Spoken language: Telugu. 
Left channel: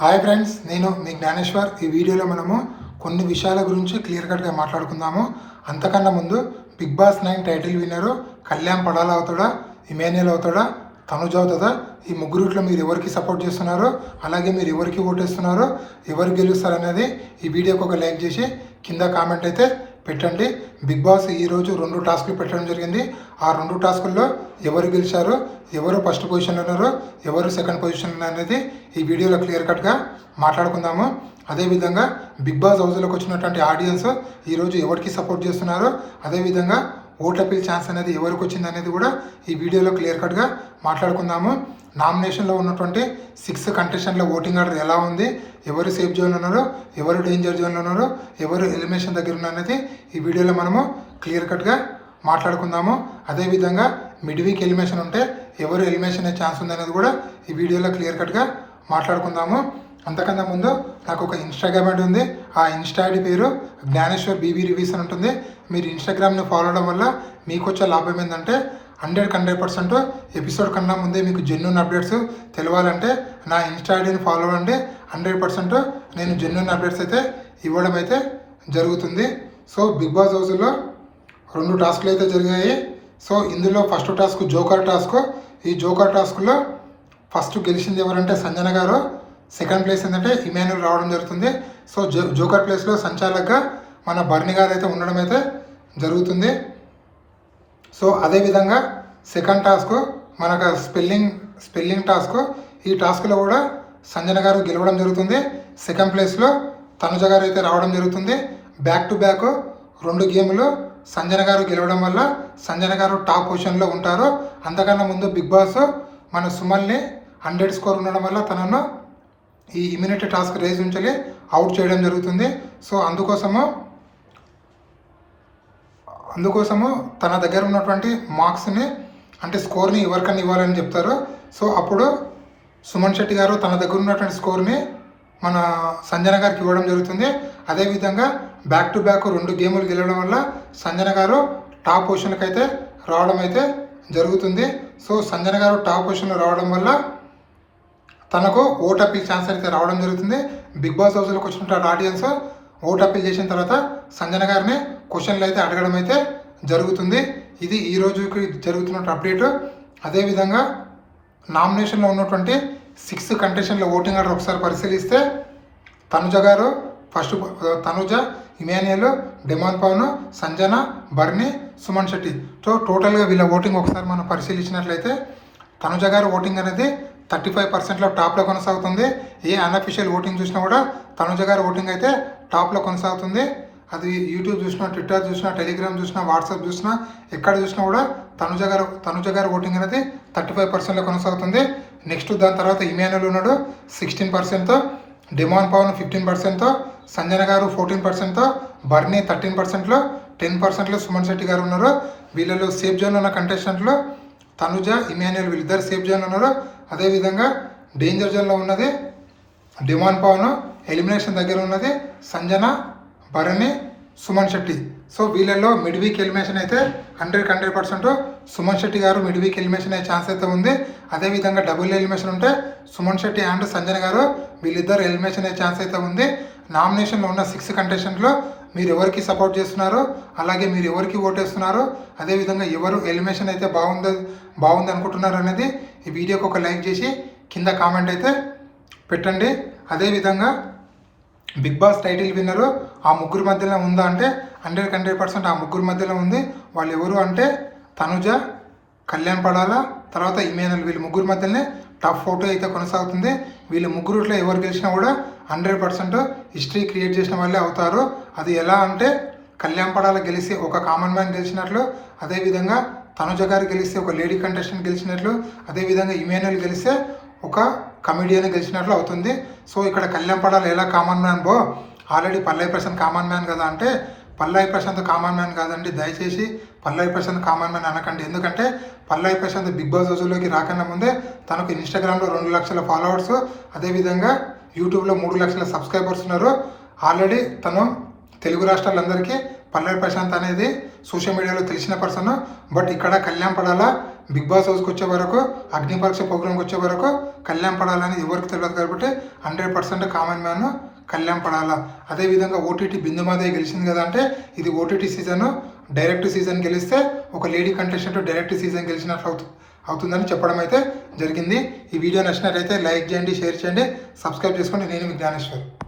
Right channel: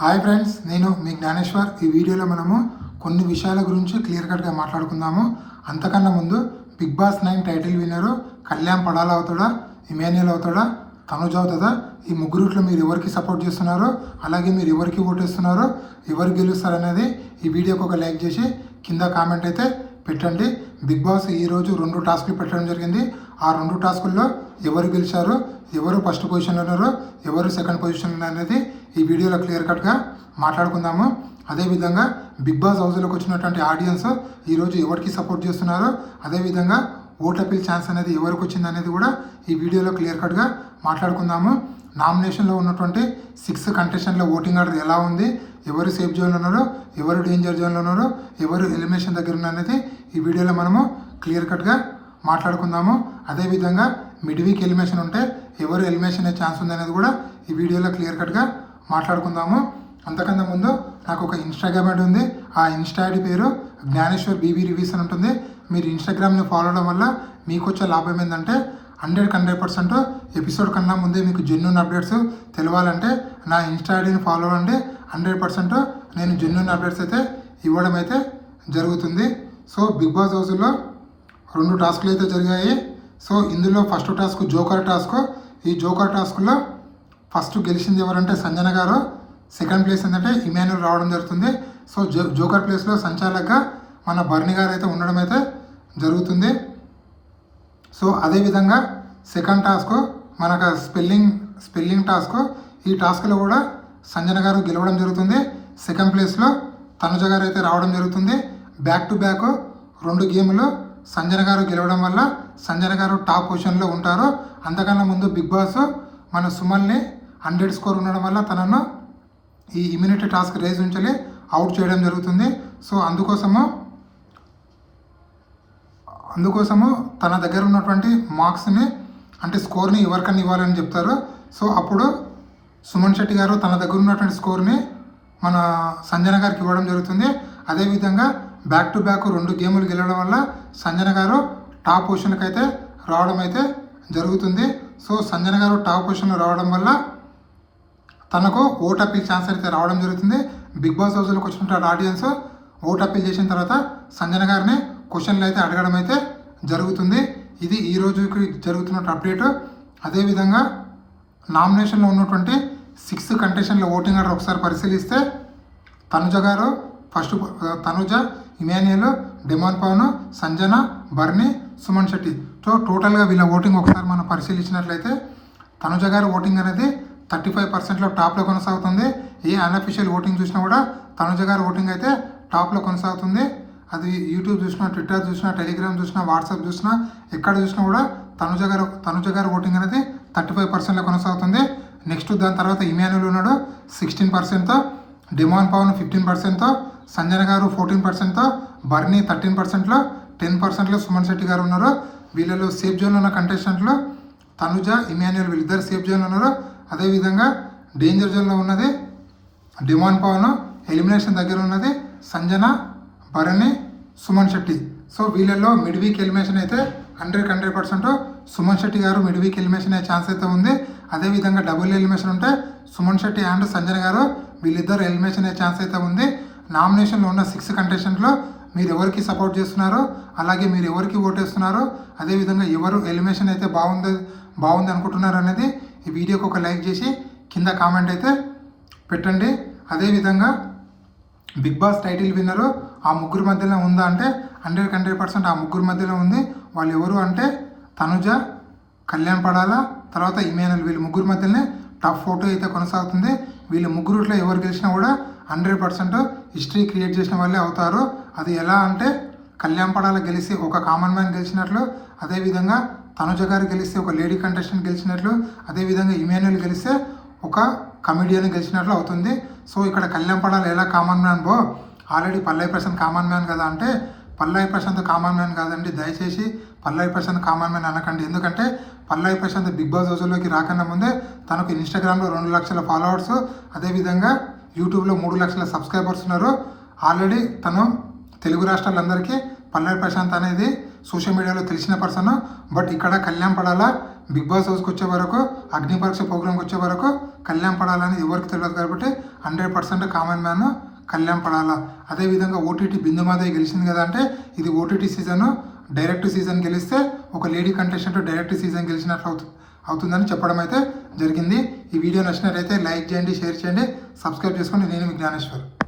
హాయ్ ఫ్రెండ్స్, నేను మీ జ్ఞానేశ్వర్. ఈ వీడియోలో మనము కొన్ని విషయాల గురించి క్లియర్ కట్గా మాట్లాడుకుందాము. అంతకన్నా ముందు బిగ్ బాస్ 9 టైటిల్ విన్నరు కళ్యాణ్ పడాలా అవుతాడా, ఇమాన్యుయల్ అవుతాడా, తనుజ అవుతుందా? ఈ ముగ్గురుట్లో మీరు ఎవరికి సపోర్ట్ చేస్తున్నారో, అలాగే మీరు ఎవరికి ఓటేస్తున్నారో, ఎవరు గెలుస్తారనేది ఈ వీడియోకి ఒక లైక్ చేసి కింద కామెంట్ అయితే పెట్టండి. బిగ్ బాస్ ఈరోజు 2 టాస్కులు పెట్టడం జరిగింది. ఆ 2 టాస్కుల్లో ఎవరు గెలిచారు, ఎవరు ఫస్ట్ పొజిషన్లో ఉన్నారో, ఎవరు సెకండ్ పొజిషన్లో అనేది ఈ వీడియోలో క్లియర్ కట్గా మాట్లాడుకుందాము. అదేవిధంగా బిగ్ బాస్ హౌస్లోకి వచ్చినటువంటి ఆడియన్స్ ఈరోజు ఎవరికి సపోర్ట్ చేస్తున్నారో, అదేవిధంగా ఓట్ అపీల్ ఛాన్స్ అనేది ఎవరికి వచ్చింది అనేది కూడా ఈ వీడియోలో క్లియర్ కట్గా మాట్లాడుకుందాము. నామినేషన్లో ఉన్నటువంటి 6 కంటెస్టెంట్ల ఓటింగ్ ఆర్డర్ ఎలా ఉంది, ఎవరు సేఫ్ జోన్లో ఉన్నారో, ఎవరు డేంజర్ జోన్లో ఉన్నారో, ఎవరు ఎలిమినేషన్ దగ్గర ఉన్నది ఈ వీడియోలో మనము క్లియర్ కట్గా మాట్లాడుకుందాము. అదేవిధంగా మిడ్ వీక్ ఎలిమినేషన్ ఉంటే ఎవరు ఎలిమినేషన్ అయ్యే ఛాన్స్ ఉందనేది కూడా ఈ వీడియోలో క్లియర్ కట్గా మాట్లాడుకుందాము. అంతకన్నా ముందు నాకు ఒక ఇన్స్టాగ్రామ్ ఐడి ఉంది. ఆ ఇన్స్టా ఐడి పేరు జ్ఞానేశ్వర్ బీబీ రివ్యూస్ అని ఉంటుంది. మీరు ఇన్స్టాగ్రామ్ని ఫాలో అవడం వల్ల మీకు వచ్చే లాభం ఏంటంటే 100% ఎపిసోడ్ కన్నా ముందే మీకు జెన్యూన్ అప్డేట్స్ తెలియాలంటే నా ఇన్స్టా ఐడిని ఫాలో అవ్వండి. 100% నేను జెన్యూన్ అప్డేట్స్ అయితే ఇవ్వడం అయితే జరుగుతుంది. సో బిగ్ బాస్ హౌస్లో 2 టాస్కులు అయితే జరిగాయి. సో ఇందులో ఫస్ట్ టాస్క్ జోకర్ టాస్క్. ఈ జోకర్ టాస్క్లో ఫస్ట్ గెలిచింది ఎవరంటే సంజన గారు. సెకండ్ ప్లేస్ ఏంటంటే ఇమాన్యుయల్ రావడం జరుగుతుంది. సో జోకర్ ప్లేస్లో సంచాలకుగా మన బర్ని గారు అయితే ఉండడం అయితే జరుగుతుంది. సో అదేవిధంగా సెకండ్ టాస్క్ మనకు స్పెల్లింగ్ టాస్క్. ఈ టాస్క్లో కూడా సంజన గారు గెలవడం జరుగుతుంది. సెకండ్ ప్లేస్లో తనుజ గారు అయితే రావడం జరుగుతుంది. బ్యాక్ టు బ్యాక్ 2 గేమ్లు సంజన గారు గెలవడం వల్ల సంజన గారు టాప్ పొజిషన్లో ఉంటారు. అంతకన్నా ముందు బిగ్ బాస్ మన సుమల్ని 100 స్కోర్ ఉండడం వల్ల తనను ఈ ఇమ్యూనిటీ టాస్క్ రేజ్ నుంచి అవుట్ చేయడం జరుగుతుంది. సో అందుకోసము తన దగ్గర ఉన్నటువంటి మార్క్స్ని అంటే స్కోర్ని ఎవరికన్నా ఇవ్వాలని చెప్తారు. సో అప్పుడు సుమన్ శెట్టి గారు తన దగ్గర ఉన్నటువంటి స్కోర్ని మన సంజన గారికి ఇవ్వడం జరుగుతుంది. అదేవిధంగా బ్యాక్ టు బ్యాక్ 2 గేములు గెలవడం వల్ల సంజన గారు టాప్ పొజిషన్కి అయితే రావడం అయితే జరుగుతుంది. సో సంజన గారు టాప్ పొజిషన్లో రావడం వల్ల తనకు ఓట్ అపీల్ ఛాన్స్ అయితే రావడం జరుగుతుంది. బిగ్ బాస్ హౌస్లోకి వచ్చినటువంటి ఆడియన్స్ ఓట్ అపీల్ చేసిన తర్వాత సంజన గారిని క్వశ్చన్లు అయితే అడగడం అయితే జరుగుతుంది. ఇది ఈ రోజుకి జరుగుతున్న అప్డేట్. అదేవిధంగా నామినేషన్లో ఉన్నటువంటి 6 కంటెస్టెంట్ల ఓటింగ్ ఆర్డర్ ఒకసారి పరిశీలిస్తే Tanuja garu first, Tanuja, Emmanuel, demon Pavan, Sanjana, Barni, Suman Shetty. So టోటల్గా వీళ్ళ ఓటింగ్ ఒకసారి మనం పరిశీలించినట్లయితే తనుజ గారు ఓటింగ్ అనేది 35%లో టాప్లో కొనసాగుతుంది. ఏ అన్అఫీషియల్ ఓటింగ్ చూసినా కూడా తనుజ గారి ఓటింగ్ అయితే టాప్లో కొనసాగుతుంది. అది యూట్యూబ్ చూసినా, ట్విట్టర్ చూసినా, టెలిగ్రామ్ చూసినా, వాట్సాప్ చూసినా, ఎక్కడ చూసినా కూడా తనుజ గారి ఓటింగ్ అనేది 35%లో కొనసాగుతుంది. నెక్స్ట్ దాని తర్వాత ఇమాన్యుయల్ ఉన్నాడు 16%తో, డెమాన్ పవన్ 15%తో, సంజన గారు 14%తో, బర్నీ 13%లో, 10%లో సుమన్ శెట్టి గారు ఉన్నారు. వీళ్ళలో సేఫ్ జోన్లో ఉన్న కంటెస్టెంట్లు తనుజ, ఇమాన్యుయల్ వీళ్ళిద్దరు సేఫ్ జోన్లో ఉన్నారు. అదేవిధంగా డేంజర్ జోన్లో ఉన్నది డెమాన్ పవన్, ఎలిమినేషన్ దగ్గర ఉన్నది సంజన, భరణి, సుమన్ శెట్టి. సో వీళ్ళల్లో మిడ్ వీక్ ఎలిమినేషన్ అయితే 100% సుమన్ శెట్టి గారు మిడ్ వీక్ ఎలిమినేషన్ అయ్యే ఛాన్స్ అయితే ఉంది. అదేవిధంగా డబుల్ ఎలిమినేషన్ ఉంటే సుమన్ శెట్టి అండ్ సంజన గారు వీళ్ళిద్దరు ఎలిమినేషన్ అయ్యే ఛాన్స్ అయితే ఉంది. నామినేషన్లో ఉన్న 6 కంటెస్టెంట్లో మీరు ఎవరికి సపోర్ట్ చేస్తున్నారో, అలాగే మీరు ఎవరికి ఓటేస్తున్నారో, అదేవిధంగా ఎవరు ఎలిమినేషన్ అయితే బాగుంది అనుకుంటున్నారు అనేది ఈ వీడియోకి ఒక లైక్ చేసి కింద కామెంట్ అయితే పెట్టండి. అదేవిధంగా బిగ్ బాస్ టైటిల్ విన్నరు ఆ ముగ్గురు మధ్యలో ఉందా అంటే 100% ఆ ముగ్గురు మధ్యలో ఉంది. వాళ్ళు ఎవరు అంటే తనుజ, కళ్యాణ్ పడాలా, తర్వాత ఇమాన్యుయల్. వీళ్ళు ముగ్గురు మధ్యలోనే టాప్ 4 అయితే కొనసాగుతుంది. వీళ్ళు ముగ్గురుట్లో ఎవరు గెలిచినా కూడా 100% హిస్టరీ క్రియేట్ చేసిన వాళ్ళే అవుతారు. అది ఎలా అంటే కళ్యాణ్ పడాల గెలిచి ఒక కామన్ మ్యాన్ గెలిచినట్లు, అదేవిధంగా తనుజ గారు గెలిస్తే ఒక లేడీ కంటెస్టెంట్ గెలిచినట్లు, అదేవిధంగా ఇమాన్యుయల్ గెలిస్తే ఒక కమెడియన్ గెలిచినట్లు అవుతుంది. సో ఇక్కడ కళ్యాణ్ పడాల ఎలా కామన్ మ్యాన్ ఆల్రెడీ పల్లవి ప్రశాంత్ కామన్ మ్యాన్ కదా అంటే పల్లవి ప్రశాంత్ కామన్ మ్యాన్ కాదండి. దయచేసి పల్లవి ప్రశాంత్ కామన్ మ్యాన్ అనకండి. ఎందుకంటే పల్లవి ప్రశాంత్ బిగ్ బాస్ హౌస్లోకి రాకన్నా ముందే తనకు ఇన్స్టాగ్రామ్లో 2 లక్షల ఫాలోవర్స్, అదేవిధంగా యూట్యూబ్లో 3 లక్షల సబ్స్క్రైబర్స్ ఉన్నారు. ఆల్రెడీ తను తెలుగు రాష్ట్రాలందరికీ పల్లవి ప్రశాంత్ అనేది సోషల్ మీడియాలో తెలిసిన పర్సన్. బట్ ఇక్కడ కళ్యాణ్ పడాల బిగ్ బాస్ హౌస్కి వచ్చే వరకు అగ్ని పరీక్ష ప్రోగ్రామ్కి వచ్చే వరకు కళ్యాణ్ పడాలని ఎవరికి తెలియదు కాబట్టి 100% కామన్ మ్యాన్ కళ్యాణ్ పడాలా. అదేవిధంగా ఓటీటీ బిందుమాధవి గెలిచింది కదా అంటే ఇది ఓటీటీ సీజన్, డైరెక్ట్ సీజన్ గెలిస్తే ఒక లేడీ కంటెస్టెంట్ డైరెక్ట్ సీజన్ గెలిచినట్లు అవుతుందని చెప్పడం అయితే జరిగింది. ఈ వీడియో నచ్చినట్లయితే లైక్ చేయండి, షేర్ చేయండి, సబ్స్క్రైబ్ చేసుకోండి. నేను మీ జ్ఞానేశ్వర్.